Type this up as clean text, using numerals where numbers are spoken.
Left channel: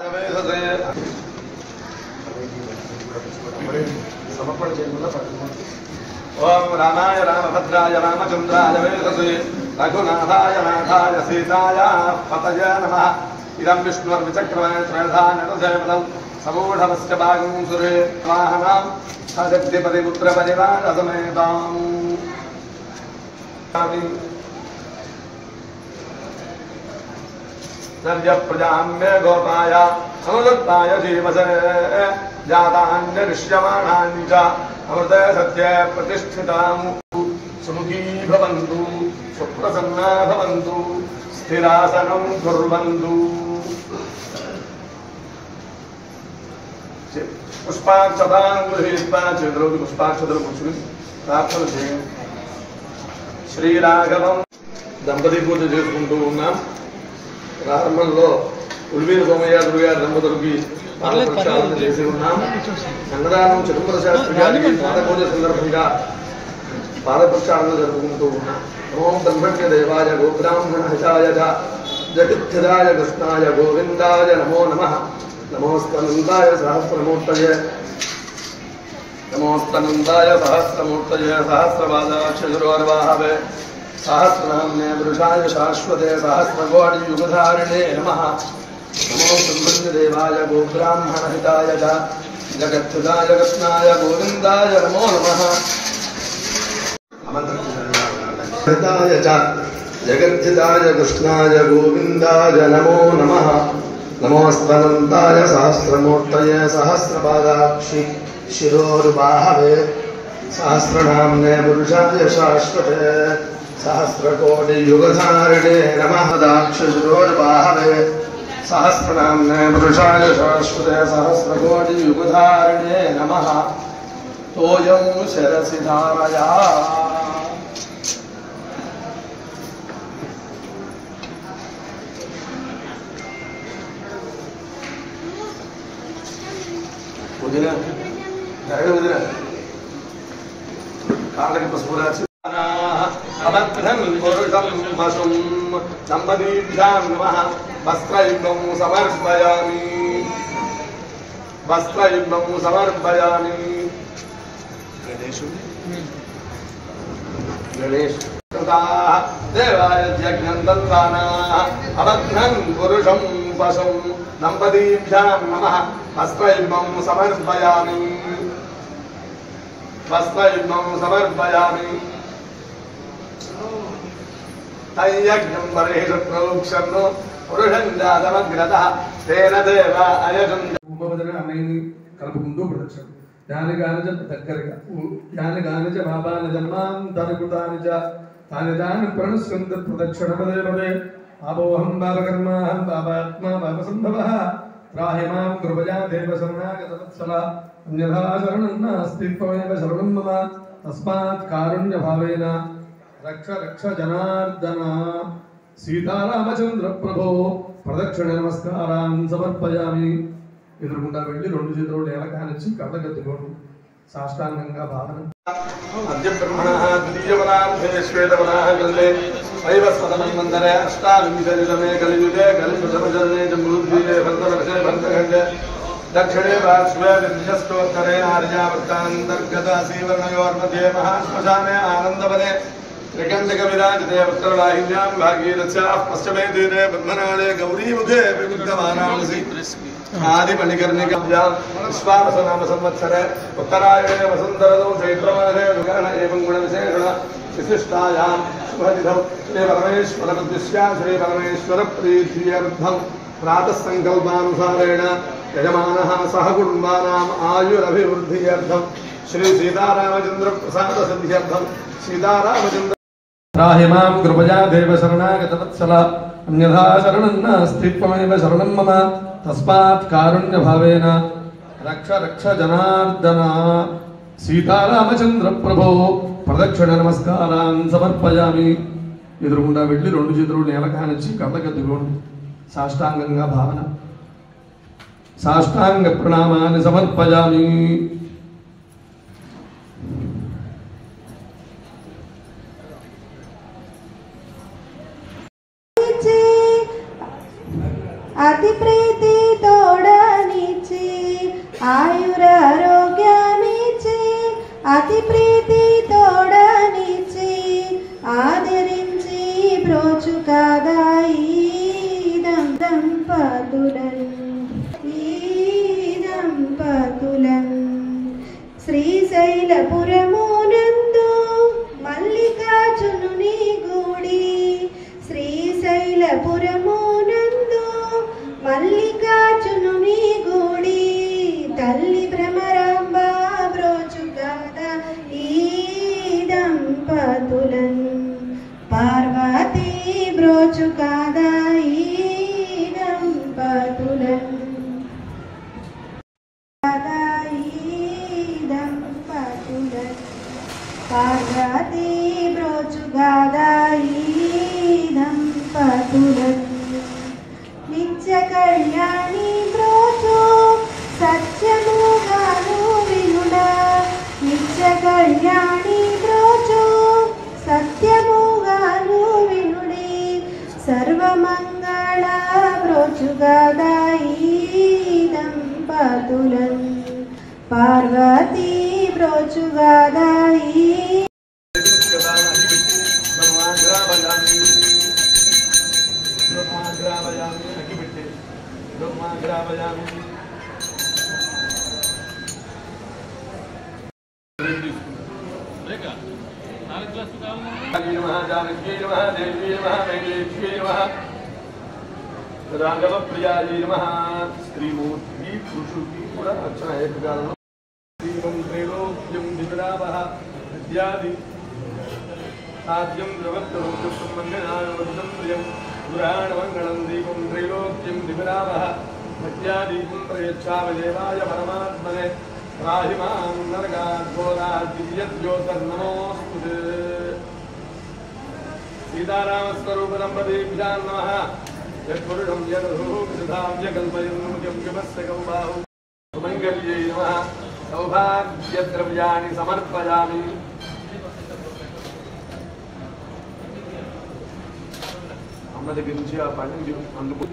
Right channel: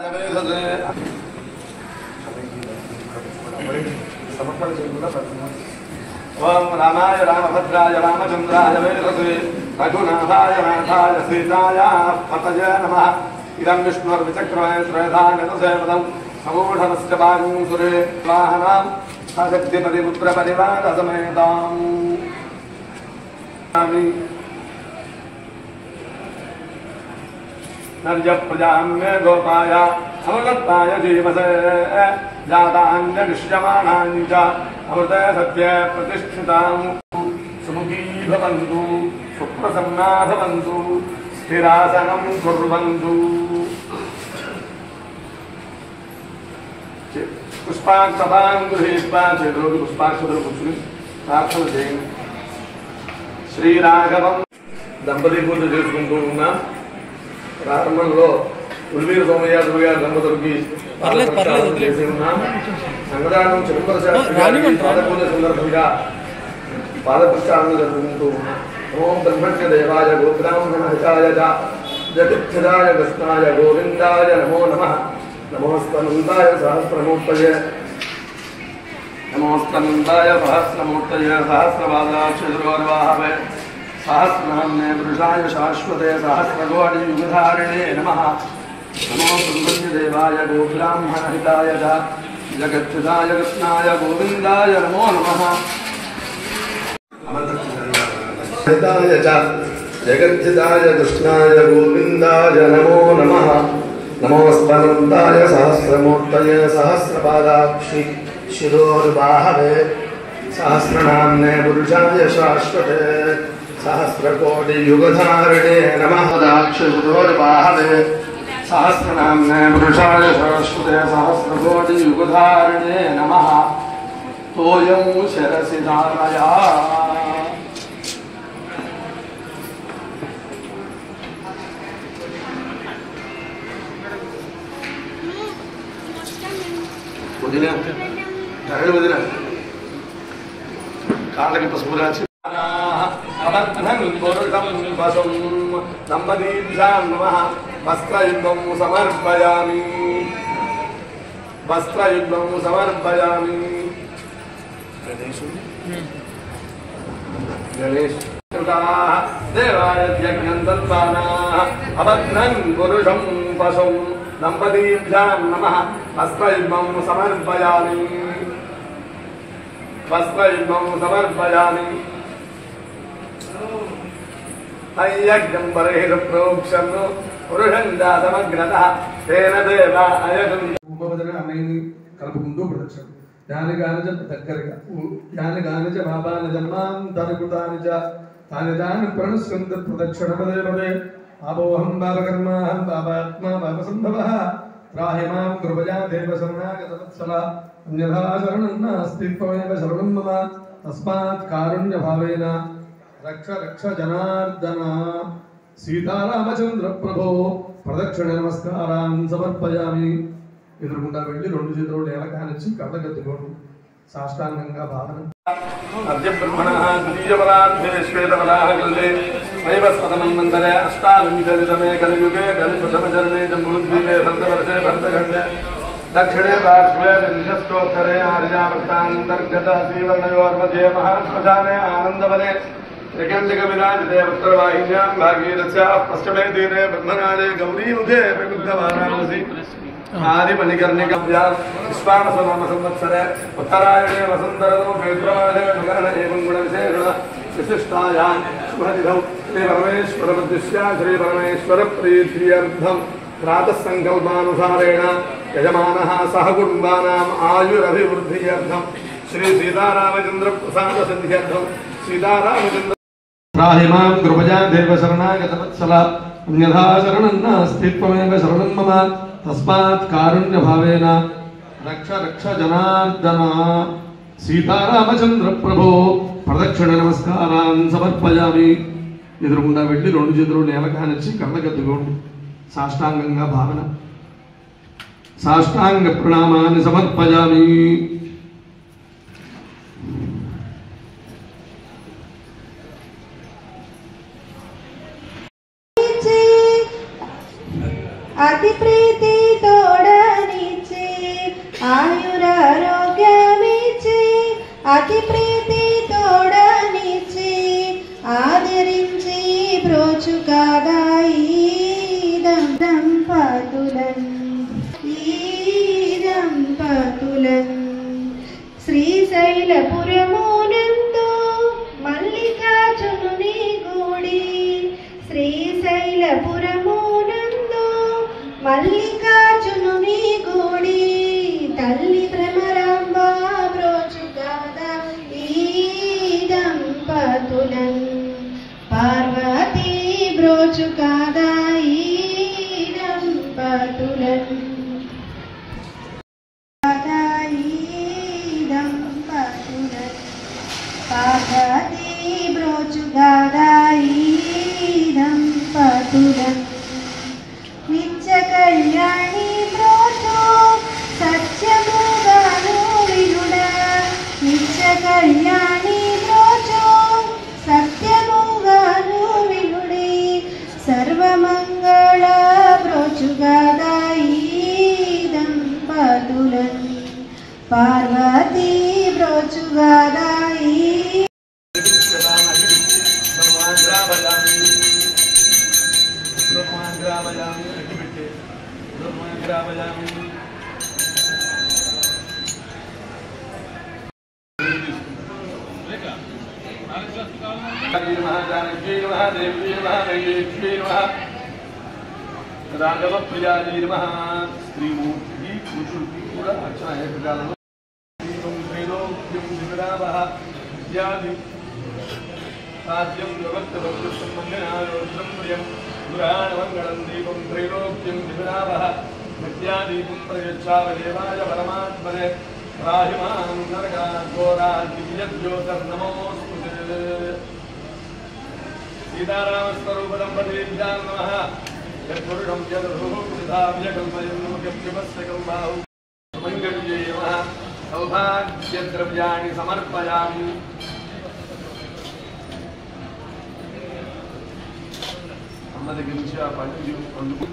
ओम रामाय रामभद्राय रामचंद्राय वेदसे रघुनाथाय नाथाय सीताय पतये नमः। इदं विष्णुर्विचक्रमाय त्रयधान्यतसेवनं समूढमस्य भागं सुरे वाहनां सशक्तिपतिपुत्रपरिवारसमेताम् नर्यप्रजाम्ये गोपाय अनुदत्ताय जीवसे जातान्यनिष्यमाणानि च अमृते सत्ये प्रतिष्ठितां सुमुखी भवन्तु सुप्रसन्ना भवन्तु स्थिरासनं कुर्वन्तु। पुष्पाक्षतां गृहीत्वा चन्द्रोऽपि पुष्पाक्षतలు కూర్చుని ప్రార్థన చేయండి. శ్రీరాఘవం దంపతి పూజ చేసుకుంటూ ఉన్నాం. ప్రారంభంలో ఉల్వీర సోమయాదులు గారి దంపతులకి చేసి ఉన్నాం. అన్నదానం చతుర్దశ పూజ సందర్భంగా పాదప్రక్షాళన జరుపుకుంటూ ఉన్నాం. ఓం బ్రహ్మణ్య దేవాయ గోబ్రాహ్మణ హితాయ జగత్యదాయ కృష్ణాయ గోవిందాయ నమో నమః. నమోస్తనందాయ సహస్రమూర్తయే నమోస్తనందాయ సహస్రమూర్తయే సహస్రపాదాక్షరోర్వాహవే सहस्रनाम्ने पुरुषाय शाश्वते सहस्रकोटियुगधारिणे नमः. नमो ब्रह्मण्यदेवाय गोब्राह्मणहिताय च जगत्थिताय कृष्णाय गोविन्दाय नमो नमः. हिताय च जगत्थिताय कृष्णाय गोविन्दाय नमो नमः. नमोस्तनन्ताय सहस्रमूर्तये सहस्रपादाक्षि शिरोर्बाहवे सहस्रनाम्ने पुरुषाय शाश्वते सहस्रकोटियुगधारिणे नमः. दाक्षिरोर्बाहवे सहस्रनाम्ने पुरुषाय शाश्वते सहस्रकोटियुगधारिणे नमः. तोयं शिरसि धारया कालकी पशुराची अवद्धं पुरुषं पशुं दम्पतीभ्यां नमः. वस्त्रयुग्मं समर्पयामि वस्त्रयुग्मं समर्पयामि. गणेश देवाय यज्ञं दत्तानाः अवद्धं पुरुषं पशुं दम्पतीभ्यां नमः. वस्त्रयुग्मं समर्पयामि वस्त्रयुग्मं समर्पयामि. अयज्ञं बर्हिषप्रोक्षन्नो पुरुषं जातमद्गतः तेन देवा अयजुं उपवदन अनैनि कल्पकुंडो प्रदक्षिण यानि गानि च దగ్గరగా यानि गानि च पापानि जन्मान्तरि कृतानि च तानि तानि प्रणश्यन्ति प्रदक्षिणपदे आपोऽहं पापकर्माहं पापात्मा पापसम्भवः त्राहि मां कृपया देव शरणागतवत्सल अन्यथा शरणं नास्ति त्वमेव शरणं मम तस्मात् कारुण्यभावेन रक्ष रक्ष जनार्दन. सीतारामचंद्र प्रभो प्रदक्षिण नमस्कारान् समर्पयामि. ఎదురుకుండా వెళ్ళి రెండు చేతులు నేలకానిచ్చి కళ్ళగత్తుకోండి. సాష్టాంగంగా భావన అద్య బ్రహ్మణః ద్వితీయవరార్థే శ్వేతవరాహకల్పే వైవస్వతమంతరే అష్టావింశతితమే కలియుగే కల్పసమజన్మే జంబూద్వీపే భద్రవర్షే భరతఖండే दक्षिणे पार्श्वे विन्ध्यस्तोत्तरे आर्यावर्तान्तर्गत श्रीवर्णयोर्मध्ये महाश्मशाने आनन्दवने त्रिकण्डकविराजिते वस्त्रवाहिन्यां भागीरथ्याः पश्चिमे तीरे ब्रह्मनाळे गौरीमुखे विविद्धवाराणसी आदिमणिकर्णिकाभ्यां विश्वावसुनामसंवत्सरे उत्तरायणे वसन्तऋतौ चैत्रमासे सुगहन एवं गुणविशेषण विशिष्टायां शुभतिथौ श्रीपरमेश्वरमुद्दिश्य श्रीपरमेश्वरप्रीत्यर्थं प्रातः संकल्पानुसारेण यजमानः सह कुटुम्बानाम् आयुरभिवृद्ध्यर्थं श्री सीतारामचंद्र प्रसाद सिद्ध्यर्थं सीतारामचंद्र त्राहि मां कृपया देव शरणागतवत्सल अन्यथा शरणं नास्ति त्वमेव शरणं मम तस्मात् कारुण्यभावेन रक्ष रक्ष जनार्दन. सीतारामचंद्र प्रभो प्रदक्षिण नमस्कारान् समर्पयामि. ఎదురుకుండా వెళ్ళి రెండు చేతులు నేలకానిచ్చి కళ్ళగత్తుకోండి. సాష్టాంగంగా భావన సాష్టాంగ ప్రణామాన్ని సమర్పయామి. अति प्रीति तोड़ ఈ దంపతులం శ్రీశైలపురమునందు మల్లికార్జునుని గుడి శ్రీశైలపురమునందు మల్లికార్జునుని గుడి తల్లి భ్రమరాంబ బ్రోచు కదా ఈ దంపతులం పార్వతీ బ్రోచు కాదా ఈ దంపతులం పార్వతీ బ్రోచు కాదా ఈ దంపతులం నిత్య కళ్యాణి బ్రోచు సత్యముగాను వినుడా నిత్య కళ్యాణి బ్రోచు సత్యముగాను వినుడి సర్వమంగళ బ్రోచు కాదా ఈ దంపతులం పార్వతీ బ్రోచు కాదా ఈ राघवप्रियाजी नमः श्रीमूर्ति कुशुपूर अर्चना एक प्रकार दीपं त्रैलोक्यं विग्रावः विद्यादि साध्यं प्रवर्तवं संबन्धनायोजनं प्रियं पुराणमङ्गलं दीपं त्रैलोक्यं विग्रावः विद्यादीपं प्रयच्छावदेवाय परमात्मने राहिमां नरकाघोरात् दिव्यज्योतिर्नमोऽस्तुते सीतारामस्वरूपदम्पतीभ्यां नमः यत्पुरुषं यदरूपकल्पयन्मुख्यमस्य सुमङ्गल्ये नमः सौभाग्यद्रव्याणि समर्पयामि अम्म దగ్గర నుంచి ఆ పండుగ అందుకు